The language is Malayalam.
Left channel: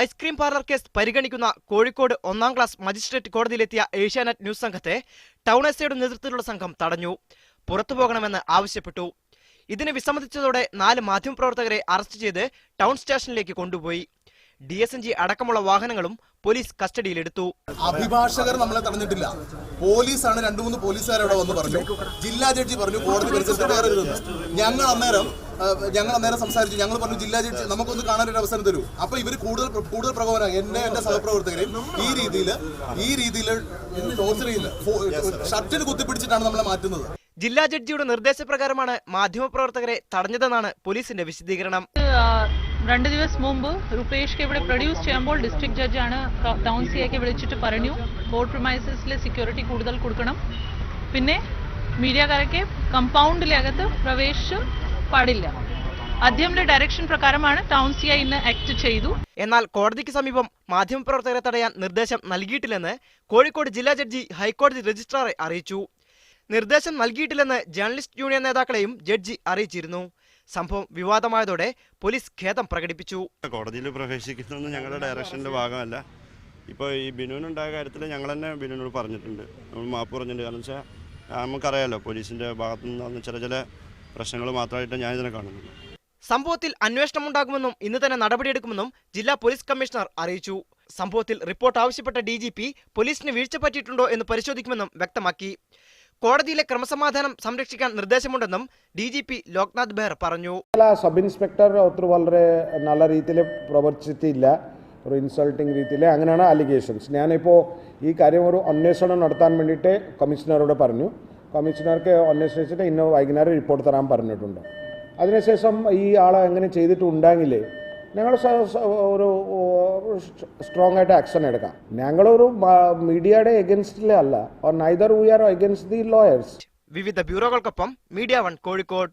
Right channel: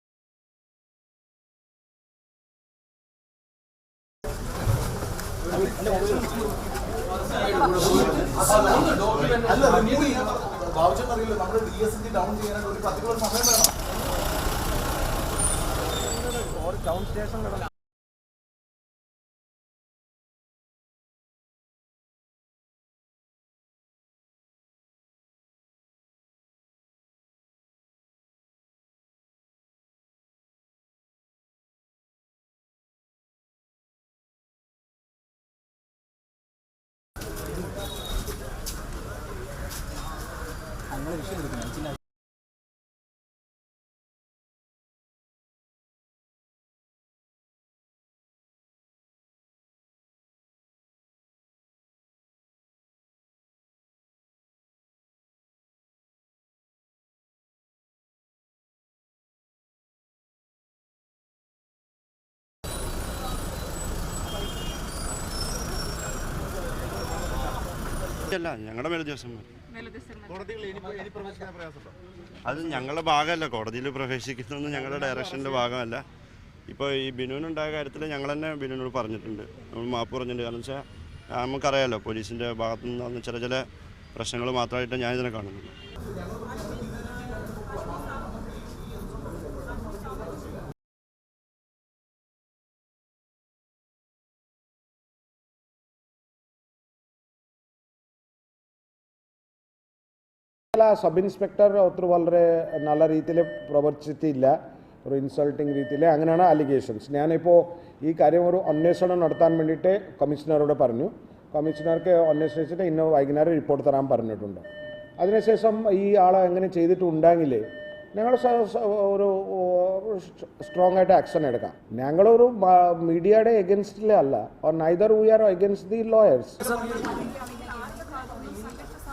ഐസ്ക്രീം പാർലർ കേസ് പരിഗണിക്കുന്ന കോഴിക്കോട് 1ാം ക്ലാസ് മജിസ്ട്രേറ്റ് കോടതിയിലെത്തിയ ഏഷ്യാനെറ്റ് ന്യൂസ് സംഘത്തെ ടൗൺ എസ്ഐയുടെ നേതൃത്വത്തിലുള്ള സംഘം തടഞ്ഞു. പുറത്തുപോകണമെന്ന് ആവശ്യപ്പെട്ടു. ഇതിന് വിസമ്മതിച്ചതോടെ 4 മാധ്യമപ്രവർത്തകരെ അറസ്റ്റ് ചെയ്ത് ടൗൺ സ്റ്റേഷനിലേക്ക് കൊണ്ടുപോയി. DSG അടക്കമുള്ള വാഹനങ്ങളും പോലീസ് കസ്റ്റഡിയിലെടുത്തു. അഭിഭാഷകർ നമ്മളെ തടഞ്ഞിട്ടില്ല. പോലീസാണ് 2-3 പോലീസുകാർ അവിടെ വന്ന് പറഞ്ഞു. ജില്ലാ ജഡ്ജി പറഞ്ഞു കോടതി പരിസരത്ത് കയറരുതെന്ന്. ഞങ്ങൾ അന്നേരം സംസാരിച്ചു. ഞങ്ങൾ പറഞ്ഞു ജില്ലാ ജഡ്ജി നമുക്കൊന്ന് കാണാനൊരു അവസരം തരൂ. അപ്പൊ ഇവർ കൂടുതൽ പ്രകോപനം എന്റെ സഹപ്രവർത്തകരെയും ഈ രീതിയിൽ ടോർച്ചർ ചെയ്യുന്നത് ഷർട്ടിന് കുത്തിപ്പിടിച്ചിട്ടാണ് നമ്മളെ മാറ്റുന്നത്. ജില്ലാ ജഡ്ജിയുടെ നിർദ്ദേശപ്രകാരമാണ് മാധ്യമപ്രവർത്തകരെ തടഞ്ഞതെന്നാണ് പോലീസിന്റെ വിശദീകരണം. 2 ദിവസം മുമ്പ് റുപേഷ് ഇവിടെ പ്രൊഡ്യൂസ് ചെയ്യുമ്പോൾ ഡിസ്ട്രിക്ട് ജഡ്ജാണ് ടൗൺ സിഐക്ക് വിളിച്ചിട്ട് പറഞ്ഞു കോർട്ട് പ്രിമൈസസിലെ സെക്യൂരിറ്റി കൂടുതൽ കൊടുക്കണം, പിന്നെ മീഡിയക്കാരൊക്കെ കമ്പൗണ്ടിലകത്ത് പ്രവേശിച്ച് പാടില്ല. അദ്ദേഹത്തിന്റെ ഡയറക്ഷൻ പ്രകാരമാണ് ടൗൺ സിഐ ഇന്ന് ആക്ട് ചെയ്തു. എന്നാൽ കോടതിക്ക് സമീപം മാധ്യമപ്രവർത്തകരെ തടയാൻ നിർദ്ദേശം നൽകിയിട്ടില്ലെന്ന് കോഴിക്കോട് ജില്ലാ ജഡ്ജി ഹൈക്കോടതി രജിസ്ട്രാറെ അറിയിച്ചു. നിർദ്ദേശം നൽകിയിട്ടില്ലെന്ന് ജേർണലിസ്റ്റ് യൂണിയൻ നേതാക്കളെയും ജഡ്ജി അറിയിച്ചിരുന്നു. സംഭവം വിവാദമായതോടെ പോലീസ് ഖേദം പ്രകടിപ്പിച്ചു. കോടതിയിൽ പ്രവേശിക്കുന്നതൊന്നും ഞങ്ങളുടെ ഡയറക്ഷന്റെ ഭാഗമല്ല. ഇപ്പോൾ ഈ ബിനുവിനുണ്ടായ കാര്യത്തിൽ ഞങ്ങൾ തന്നെ ബിനുവിനോട് പറഞ്ഞിട്ടുണ്ട്, നമ്മൾ മാപ്പ് പറഞ്ഞിട്ടുണ്ട്. കാരണം വെച്ചാൽ നമുക്കറിയാലോ പോലീസിന്റെ ഭാഗത്തു നിന്ന് ചില പ്രശ്നങ്ങൾ മാത്രമായിട്ട് ഞാനിതിനെ കാണുന്നു. സംഭവത്തിൽ അന്വേഷണമുണ്ടാകുമെന്നും ഇന്ന് തന്നെ നടപടിയെടുക്കുമെന്നും ജില്ലാ പോലീസ് കമ്മീഷണർ അറിയിച്ചു. സംഭവത്തിൽ റിപ്പോർട്ട് ആവശ്യപ്പെട്ട DGP പോലീസിന് വീഴ്ച പറ്റിയിട്ടുണ്ടോ എന്ന് പരിശോധിക്കുമെന്നും വ്യക്തമാക്കി. കോടതിയിലെ ക്രമസമാധാനം സംരക്ഷിക്കാൻ നിർദ്ദേശമുണ്ടെന്നും DGP ലോക്നാഥ് ബെഹ്റ പറഞ്ഞു. സബ് ഇൻസ്പെക്ടർ വളരെ നല്ല രീതിയിൽ പ്രവർത്തിച്ചിട്ടില്ല, ഒരു ഇൻസൾട്ടിങ് രീതിയിൽ, അങ്ങനെയാണ് അലിഗേഷൻസ്. ഞാനിപ്പോൾ ഈ കാര്യം ഒരു അന്വേഷണം നടത്താൻ വേണ്ടിയിട്ട് കമ്മീഷണറോട് പറഞ്ഞു. കമ്മീഷണർക്ക് അന്വേഷിച്ചിട്ട് ഇന്ന് വൈകുന്നേരം റിപ്പോർട്ട് തരാൻ പറഞ്ഞിട്ടുണ്ട്. അതിനുശേഷം ഈ ആളെ എങ്ങനെ ചെയ്തിട്ടുണ്ടെങ്കിൽ ഞങ്ങൾ ഒരു സ്ട്രോങ് ആയിട്ട് ആക്ഷൻ എടുക്കാം. ഞങ്ങളൊരു മീഡിയയുടെ എഗൻസ്റ്റിലല്ല, neither we are against the lawyers. വിവിധ ബ്യൂറോകൾക്കൊപ്പം മീഡിയ 1 കോഴിക്കോട്.